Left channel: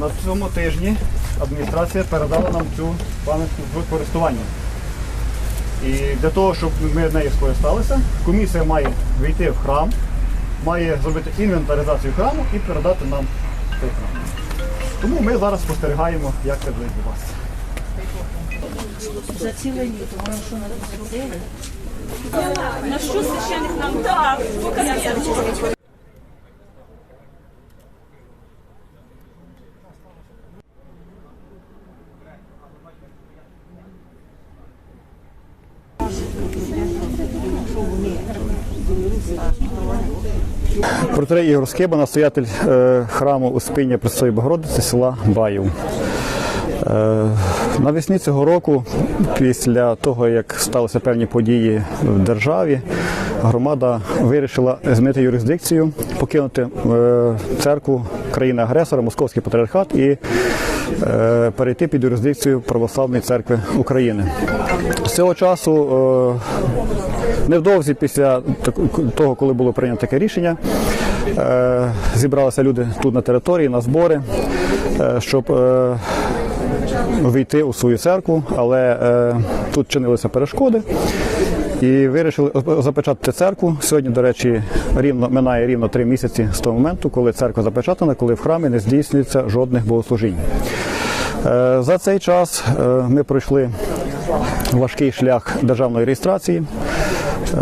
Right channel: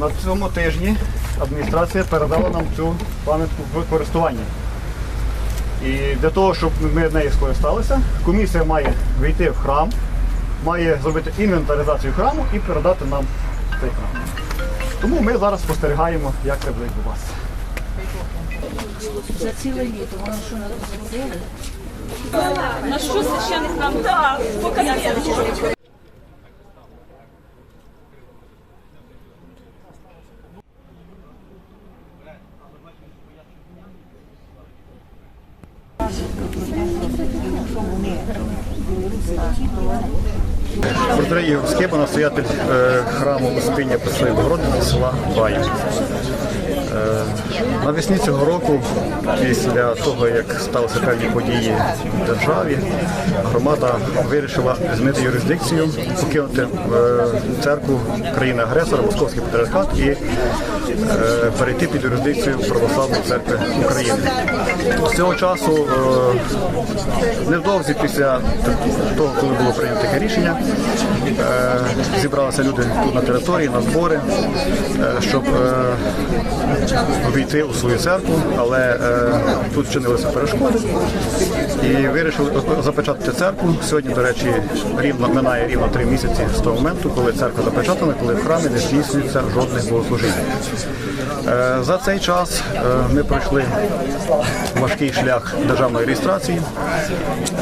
На цьому тижні адміністрація передала нам цю пам'ятку в користування. І для того, щоб ми нею скористалися, комісія має війти в храм, має зробити інвентаризацію храму і передати нам цей храм. Тому ми зараз спостерігаємо, як це буде відбуватися. За ціле літо вони що нам зробили? На що священик нам показати? Протерей Скиба, настоятель е, храму Успіння Пресвятої Богородиці села Баїв. Е, Навесні цього року, після того, як сталися певні події в державі, громада вирішила змінити юрисдикцію, покинути е, церкву країни-агресора, Московський патріархат і е, перейти під юрисдикцію Православної церкви України. З цього часу, невдовзі після того, коли було прийнято таке рішення, зібралися люди тут на території, на збори, щоб е, війти у свою церкву, але е, тут чинилися перешкоди і вирішили запечатати церкву. Сьогодні, до речі, рівно минає рівно три місяці з того моменту, коли церква запечатана, коли в храмі не здійснюється жодних богослужінь. Е, За цей час е, ми пройшли важкий шлях державної реєстрації.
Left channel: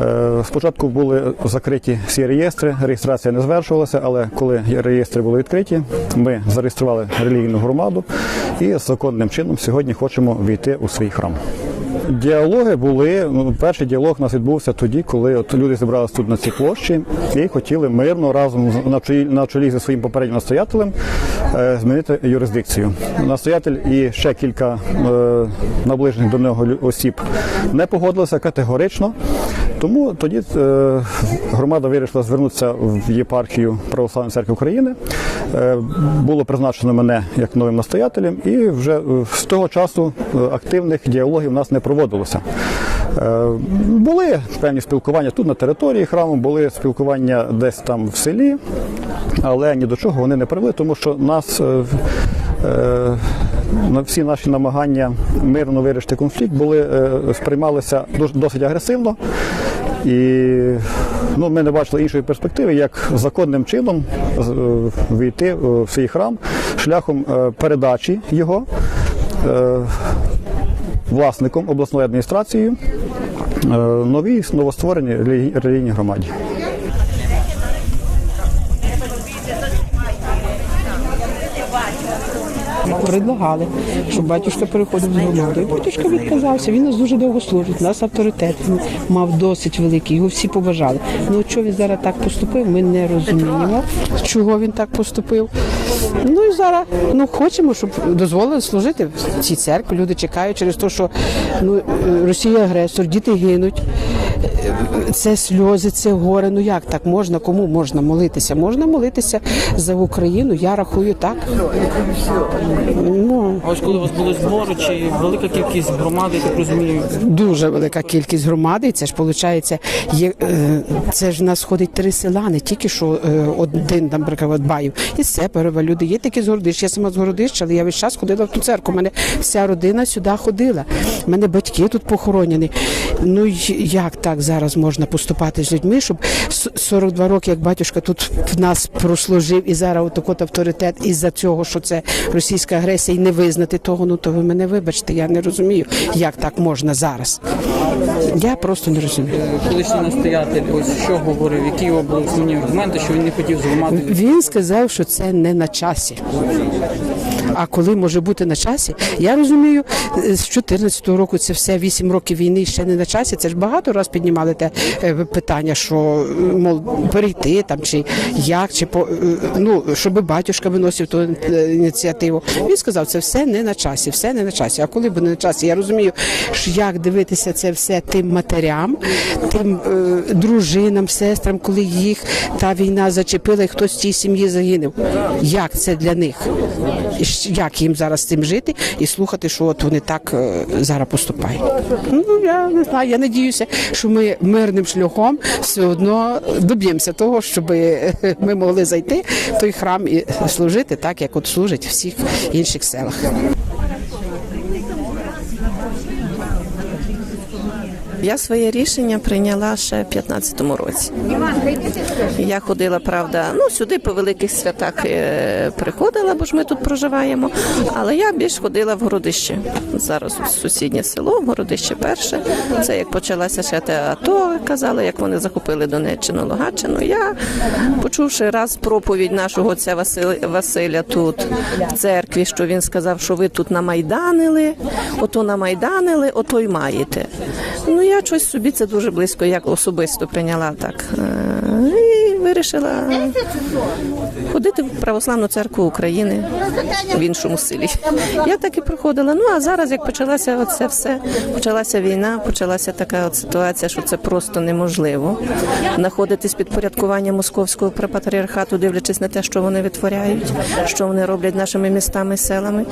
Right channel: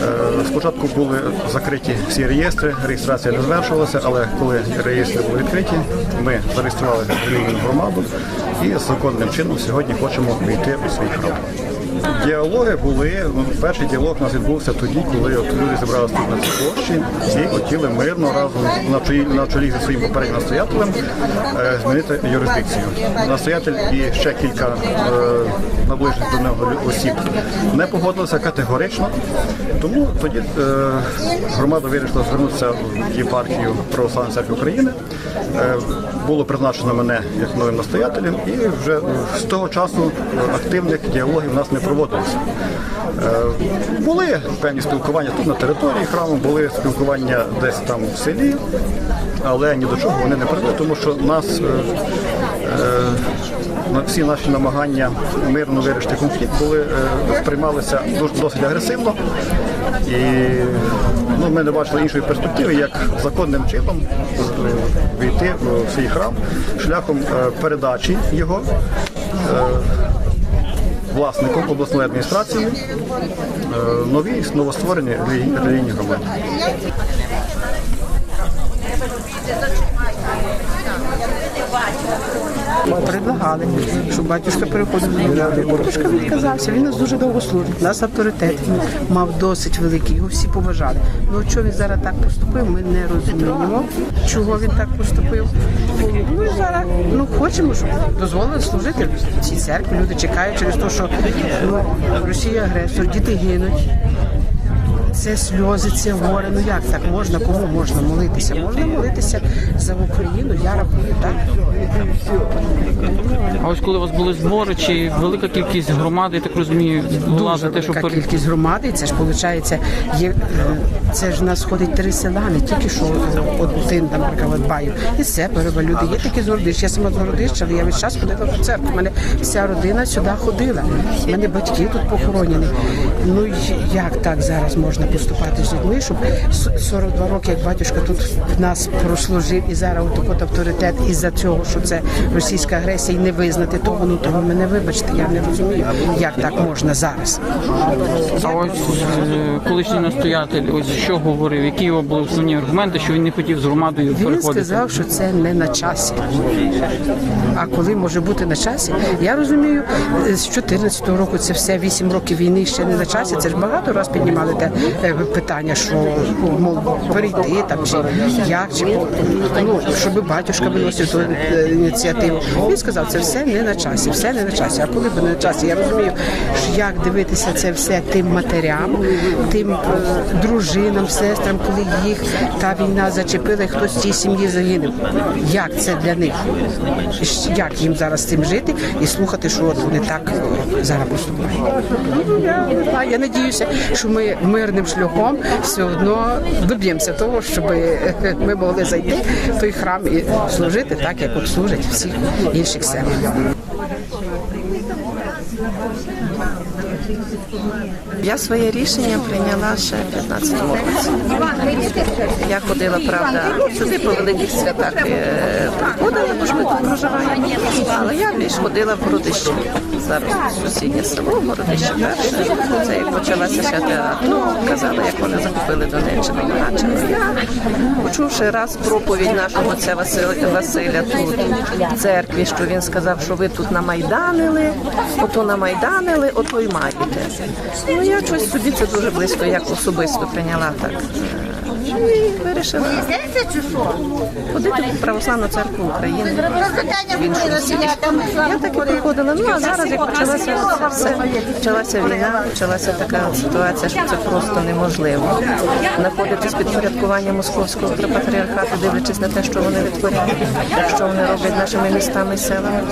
Е, Спочатку були закриті всі реєстри, реєстрація не звершувалася, але коли реєстри були відкриті, ми зареєстрували релігійну громаду і законним чином сьогодні хочемо війти у свій храм. Діалоги були. Ну, перший діалог у нас відбувся тоді, коли от люди зібралися тут на цій площі і хотіли мирно разом на чолі, на чолі зі своїм попереднім настоятелем е, змінити юрисдикцію. Настоятель і ще кілька е, наближених до нього осіб не погодилися категорично. Тому тоді е, громада вирішила звернутися в єпархію Православної церкви України. Е, було призначено мене як новим настоятелем, і вже е, з того часу е, активних діалогів у нас не проводилося. Е, Були певні спілкування тут на території храму, були спілкування десь там в селі, але ні до чого вони не привели, тому що нас. е, е, на всі наші намагання мирно вирішити конфлікт були сприймалися досить агресивно. І ну, ми не бачили іншої перспективи, як законним чином війти в цей храм шляхом передачі його власником обласної адміністрації е, новій новоствореній релі- релігійній громаді. Предлагали, щоб батюшка переходив до громади. Батюшка відказався. Він нас дуже довго служить. Нас авторитет він мав досить великий. Його всі поважали. Ну що він зараз так поступив, ми не розуміємо, чого він так поступив. Ну і зараз ну хочемо, щоб дозволили служити в цій церкві. Люди чекають через те, що ну, Росія агресор, діти гинуть. Це сльози, це горе. Ну як так можна? Кому можна молитися? Можна молитися за Україну. Я рахую так. Ну, А ось коли у вас були збори, чи велика кількість громади, я так розумію, була Дуже за те, велика щоб кількість громади. Це ж виходить, є, е, це ж в нас ходить три села, не тільки що е, один, наприклад, Баїв. І Сеперова, люди є такі з Городища. Я сама з Городища, але я весь час ходила в ту церкву. У мене вся родина сюди ходила. У мене батьки тут похоронені. Ну й- як так зараз можна поступати з людьми, щоб с- 42 роки, як батюшка тут в нас прослужив, і зараз отак от авторитет із-за цього, що це російська агресія, і не визнати того, ну то ви мене вибачте, я не розумію, як так можна зараз. Я просто не розумію. е, колишній настоятель, ось що говорив, які його були основні аргументи, що він не хотів з громадою Він сказав, що це не на часі. А коли може бути на часі? Я розумію, з 14-го року це все 8 років війни ще не на часі. Це ж багато раз піднімали. Піднімали те е, питання, що мов перейти там чи як, чи по ну щоб батюшка виносив ту е, ініціативу. Він сказав, це все не на часі, все не на часі. А коли буде на часі, я розумію, що як дивитися це все тим матерям, тим е, дружинам, сестрам, коли їх та війна зачепила, і хтось в цій сім'ї загинув. Як це для них? Як їм зараз з цим жити і слухати, що от вони так е, зараз поступають? Ну я не знаю. Я надіюся, що ми мирним шляхом все одно доб'ємося того, щоб е, ми могли зайти в той храм і служити так, як от служить всіх інших селах. Я своє рішення прийняла ще в 15-му році. Я ходила, правда, сюди по великих святах е, приходила, бо ж ми тут проживаємо. Але я більш ходила в городище. Зараз сусіднє село, городище перше. Це як почалася ще те АТО, казали, як вони захопили Донеччину, Луганщину. Я, почувши раз проповідь нашого отця Василя, тут в церкві, що він сказав, що ви тут намайданили, ото намайданили, ото й маєте. Ну я щось собі це дуже близько, як особисто прийняла так. Вирішила ходити в православну церкву України в іншому селі. Я так і приходила. Ну а зараз, як почалася оце все, почалася війна, почалася така ситуація, що це просто неможливо. Знаходитись під порядкуванням московського патріархату, дивлячись на те, що вони витворяють, що вони роблять нашими містами селами.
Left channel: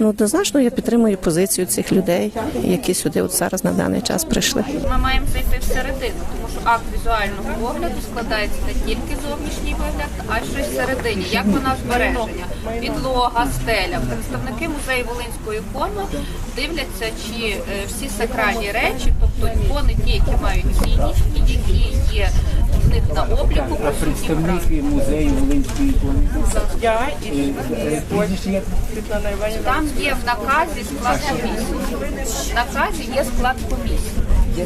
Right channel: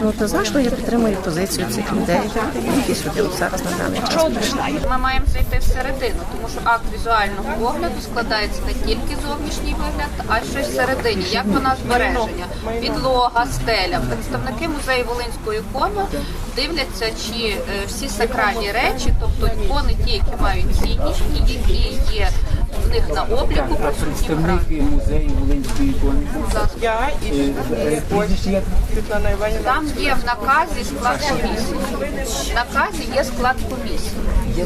Ну однозначно я підтримую позицію цих людей, які сюди от зараз на даний час прийшли. Ми маємо зайти всередину, тому що акт візуального огляду складається не тільки зовнішній вигляд, а й щось всередині, як вона збереження, підлога, стеля. Представники музею Волинської ікони дивляться, чи е, всі сакральні речі, тобто ікони, ті, які мають цінність, і які є в них на обліку, присутні в храмі. Представник музею Волинської ікони. Я і Е, Прізвище? Світлана Іванівна. Там є в наказі склад комісії. В наказі є склад комісії.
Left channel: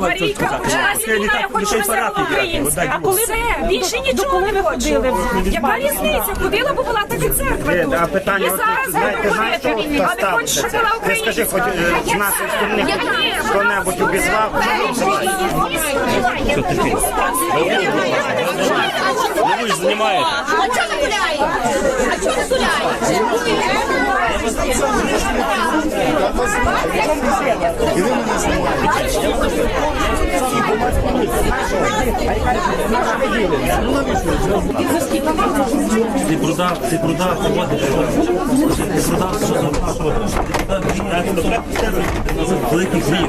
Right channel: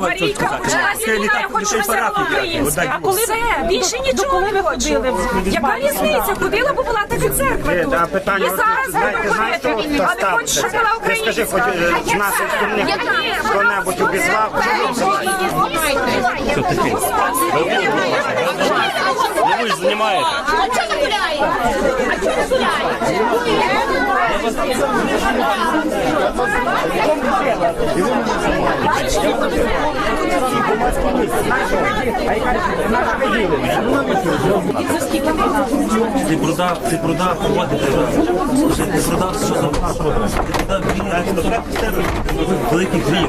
Марійка почала семінар, хоч щось українське. А коли це більше нічого не виходили. Яка різниця? Ходила, бо була така церква. І зараз буде ходити. А не хочеш, щоб була українська. Хто-небудь обізвав? Ну ви ж знімаєте. А чого не гуляє? А чого не гуляє? Ти продав, ти продав, кого ти продав? Ти ти що за вас продав? Ти продав гріх, так, то треба в тебе великий гріх.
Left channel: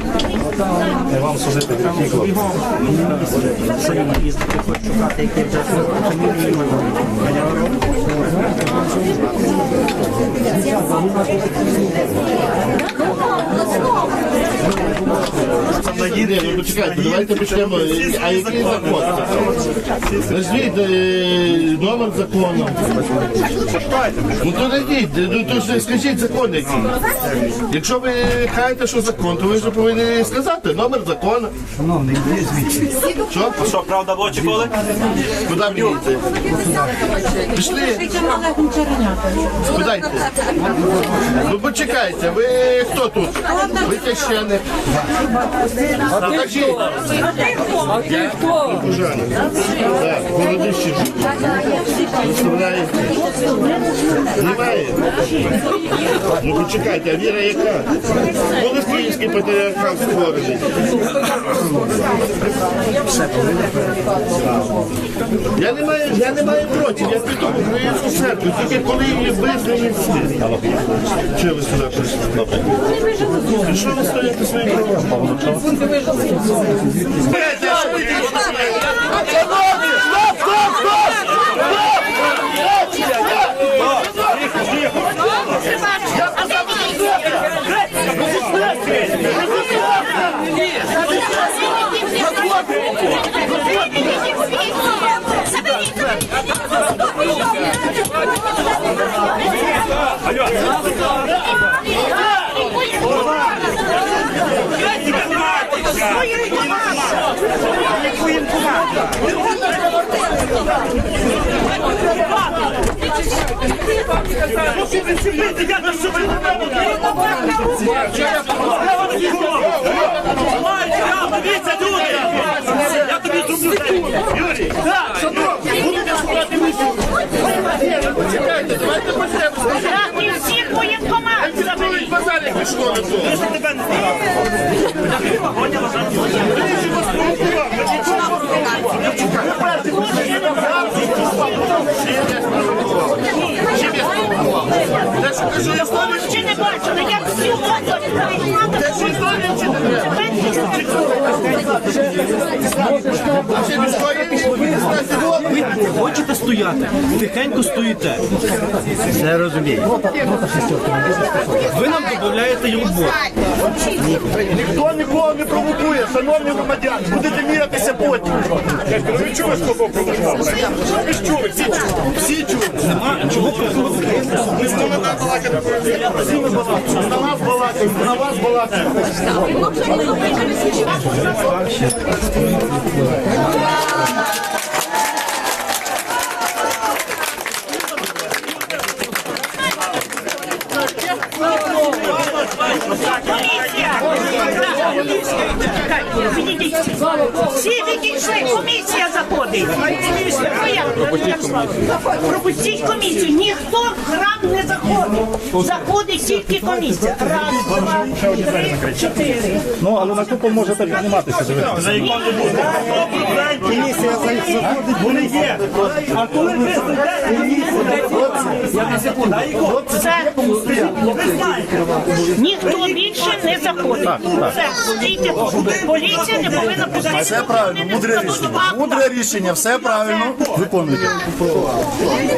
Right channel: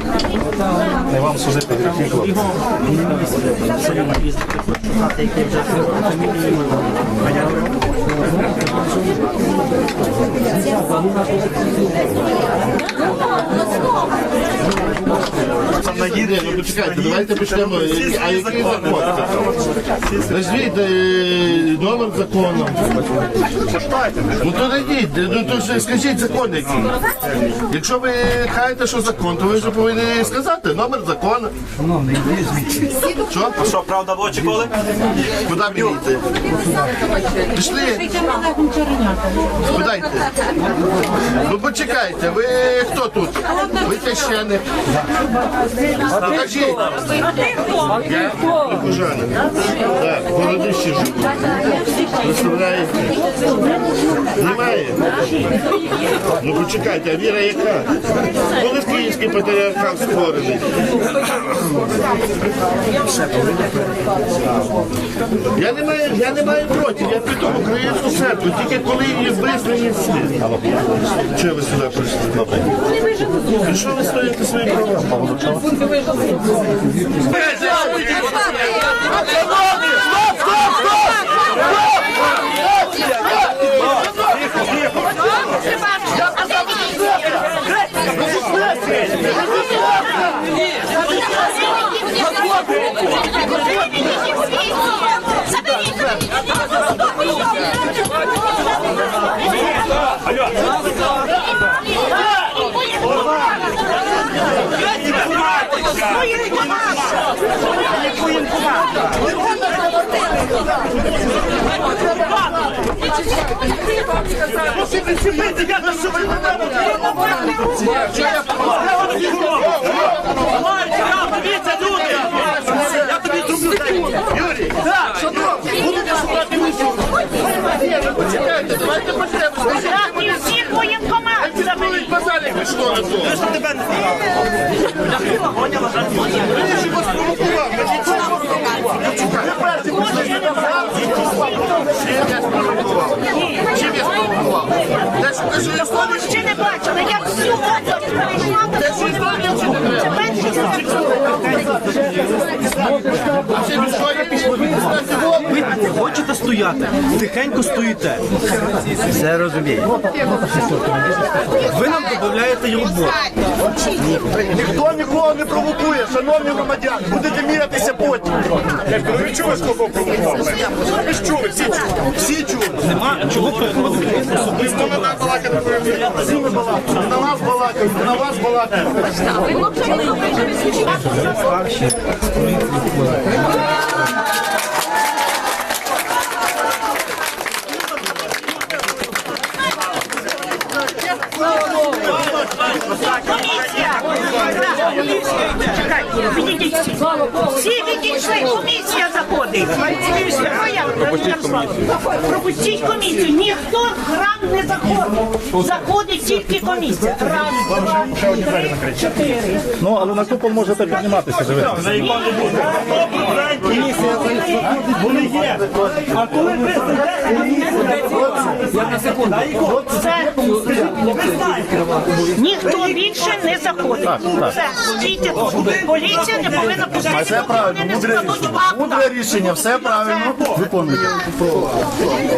Не вам служити гріх. Ні, ну почекайте, давайте почнемо. А який закон? Назвіть е, номер закону. Ну то найдіть, ну то ж скажіть закон який. Якщо ви хаєте, що закон, то ви вже повинні сказати номер закону. Що? А що, правда в очі коли? Куди мені йти? Пішли. Спитайте. Ну почекайте, ви хто тут? Ви священник. Покажіть. Я прихожанин. Так, в городищі живу. Представляєте? Немає? Ну почекайте, а віра яка? Коли київський патріархат створений? Я не маю, я не маю проти, я піду в українську церкву, тільки коли її визвані всі. Чого ви сюди прийшли? Добре. І що ви стоїте Сюда, сюда. Я казав, Я давайте почнемо. І всіх воєнкоматів заберіть. Базарик пішло на то. Що тебе не Він ж вас провокував. Ви нічого провокував. Чим я спровокував? Чим я спровокував? Те, що кажу, я Такого ще не бачили. Я всю область перейшла, такого не бачила. Це перше Ви хочете стояти? Тихенько стоїте. Все розумію. Ви нам додаєте роботу. Ніхто нікого не провокує, шановні громадяни. Будете мірятися потім. Ви чули, хто кого провокував? Ви ж чули, всі чули. Всі чули. Нема чого провокувати. Ми з вами. Всі ми балакаємо. На нас балакають, на вас балакають. Комісія! Відійдіть всі. Всі відійшли, комісія заходить. Пропустіть комісію. Пропустіть комісію. Ніхто в храм не заходить. Заходить тільки комісія. Раз, два, три, чотири. Ну, але на купол можете підніматися. Вони є. А коли ви Ви знаєте. Ніхто більше не заходить. Все, тут. Поліція не повинна пустити, поки вони не складуть акта. рішення, все правильно виконуєте.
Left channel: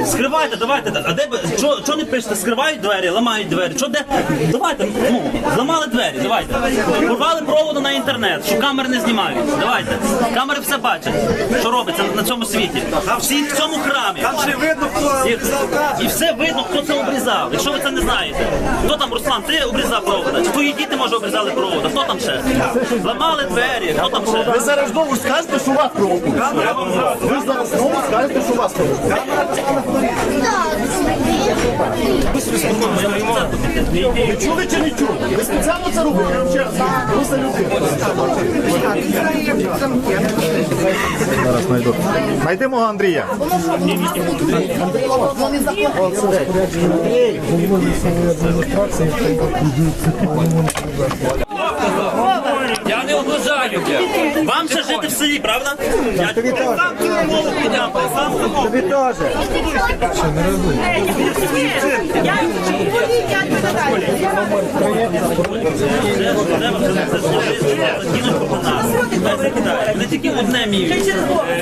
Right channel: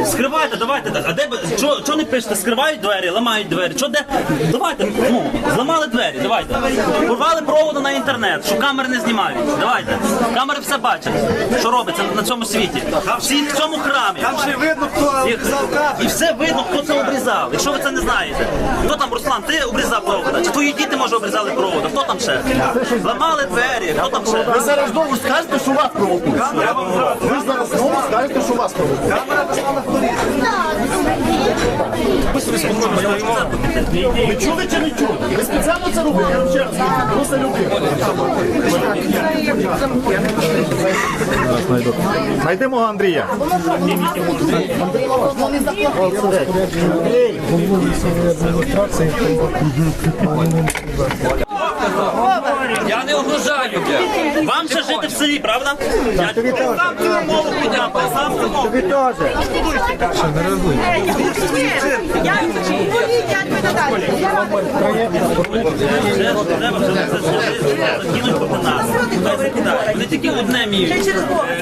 Скривайте, давайте так. А де ви що, що не пишете? Скривають двері, ламають двері. Що де? Давайте, ну, зламали двері, давайте. Порвали проводу на інтернет, що камери не знімають. Давайте. Камери все бачать, що робиться на цьому світі. Всі в цьому храмі. Там ще видно, хто і, і все видно, хто це обрізав. Якщо ви це не знаєте. Хто там, Руслан, ти обрізав провода? Чи твої діти, може, обрізали провода? Хто там ще? Ламали двері, хто там ще? Ви зараз знову скажете, що вас провокують. Ви зараз знову скажете, що вас провокують. Ви чули чи не чули? Ви спеціально це робите? Я вам ще раз кажу. Просто люди. Знайдемо Андрія. Я не угрожаю. Вам ще жити в селі, правда? Я тобі теж. Тобі теж. Не тільки одне вміють.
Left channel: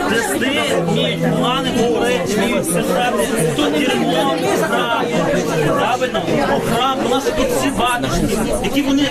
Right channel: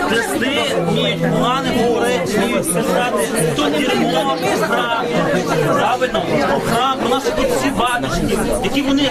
Плести вміють, погане говорити, вміють писати. Дірмо. Правильно? Храм, про нас тут всі бачать, які вони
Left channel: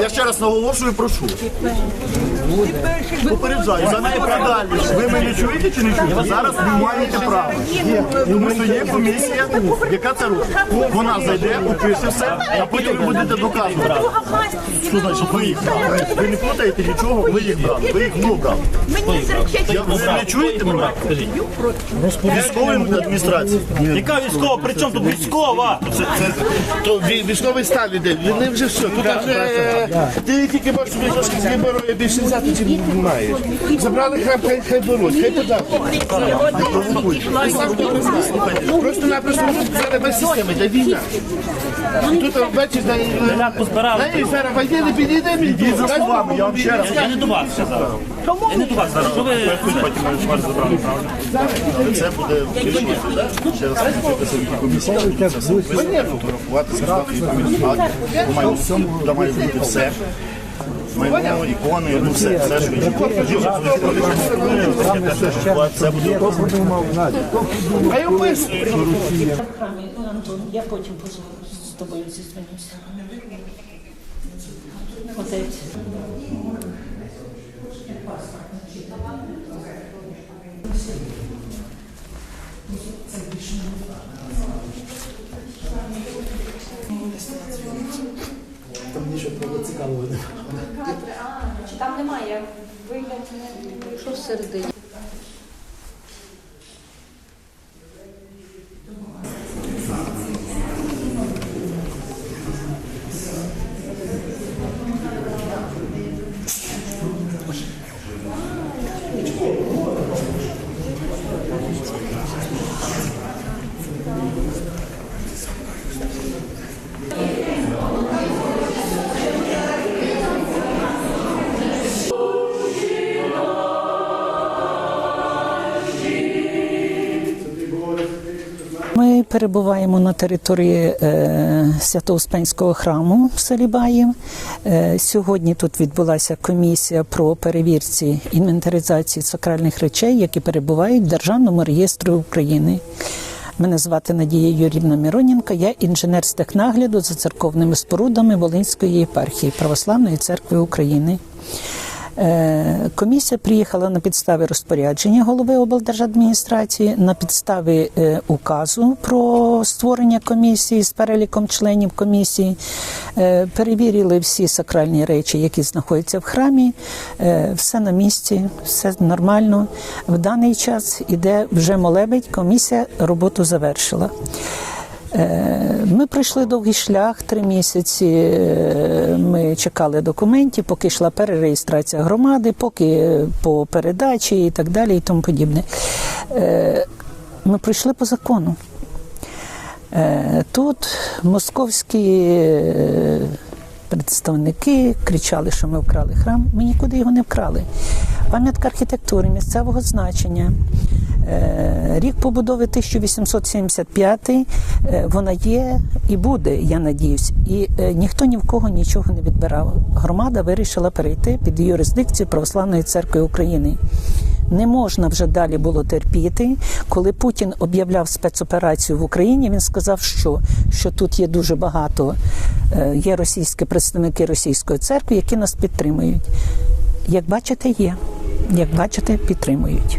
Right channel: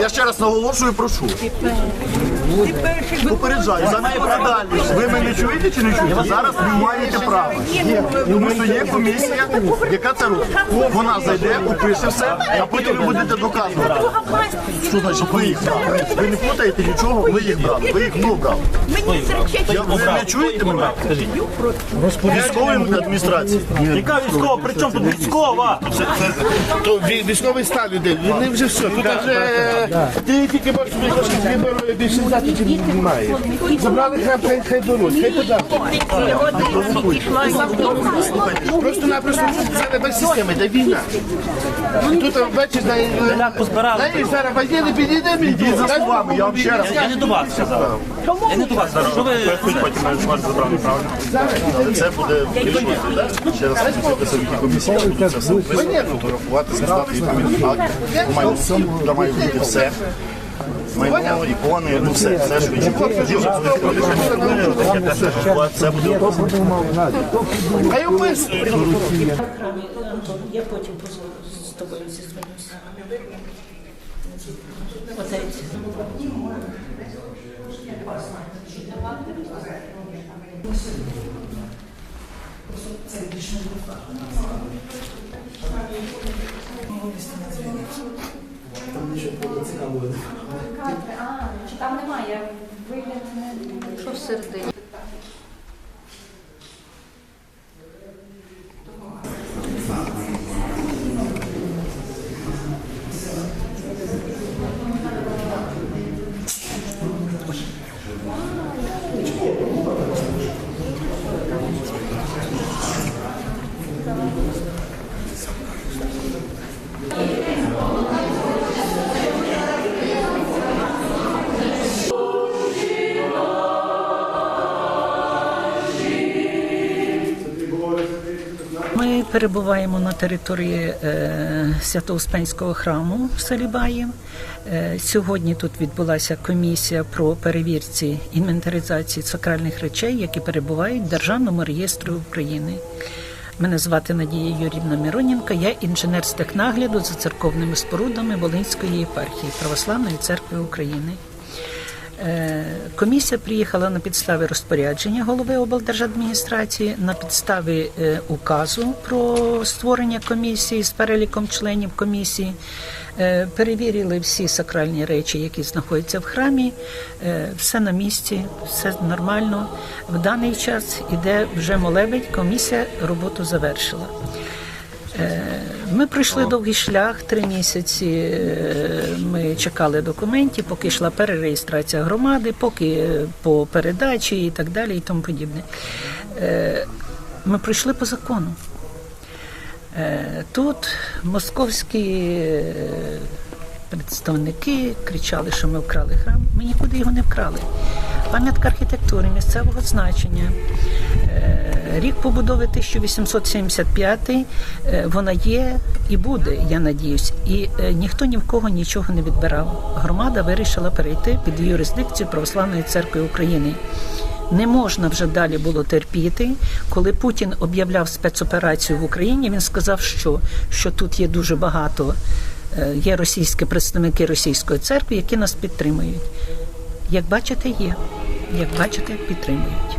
Я ще раз наголошую, прошу. Попереджаю, за найпродальніше. Ви мене чуєте чи не чуєте? Зараз не маєте права. Тому що є комісія, яка це робить. Вона зайде, опише все, а потім ви будете доказувати. Що значить ви їх брали? Ви не плутаєте нічого, ви їх брали. Ви їх брав? Я- Ви не чуєте мене? Скажіть. Військової адміністрації. Яка військова? При чому тут військова? То вій- військовий стан іде, вони вже все. Тут вже ти тільки можеш собі трошки вибору більше взяти, чим не маєш. Забрали хай, хай, хай беруть, хай подати. Просто-напросто зараз без системи, де війна. І тут бачиш, де позбирали. і зараз воєнний підійде, мені за словами, я вам ще раз. Я не до вас сказав. Я не до вас зараз. Що ви Це буде вирішувати. Ще раз хочу собі комісія. Це все фотографувати, сказати відповідь. Має, має бути все. Майно, ікони, ну все, все, що є. Це буде А я. Я потім з тобою зізвонюся. Отець. Що всередині? Перебуваємо на території е, Свято-Успенського храму в селі Баїв. Е, сьогодні тут відбулася комісія про перевірці інвентаризації сакральних речей, які перебувають в Державному реєстрі України. Мене звати Надія Юрівна Мироненко, я інженер з технагляду за церковними спорудами Волинської єпархії Православної церкви України. Е, Комісія приїхала на підставі розпорядження голови облдержадміністрації, на підставі е, указу про створення комісії з переліком членів комісії. Е, Перевірили всі сакральні речі, які знаходяться в храмі. Все на місці, все нормально. В даний час іде вже молебедь. Комісія роботу завершила. Е, Ми пройшли довгий шлях, три місяці е, ми чекали документів, поки йшла перереєстрація громади, поки по передачі і так далі, і тому подібне. Е, Ми пройшли по закону. Тут московські представники кричали, що ми вкрали храм. Ми нікуди його не вкрали. Пам'ятка архітектури місцевого значення. Е, Рік побудови 1875, е, вона є і буде, я надіюсь. І е, ніхто ні в кого нічого не відбирав. Громада вирішила перейти під юрисдикцію Православної церкви України. Не можна вже далі було терпіти. Коли Путін об'являв спецоперацію в Україні, він сказав, що, що тут є дуже багато є російські представники російської церкви, які нас підтримують. Як бачите, є. Як бачите, підтримують.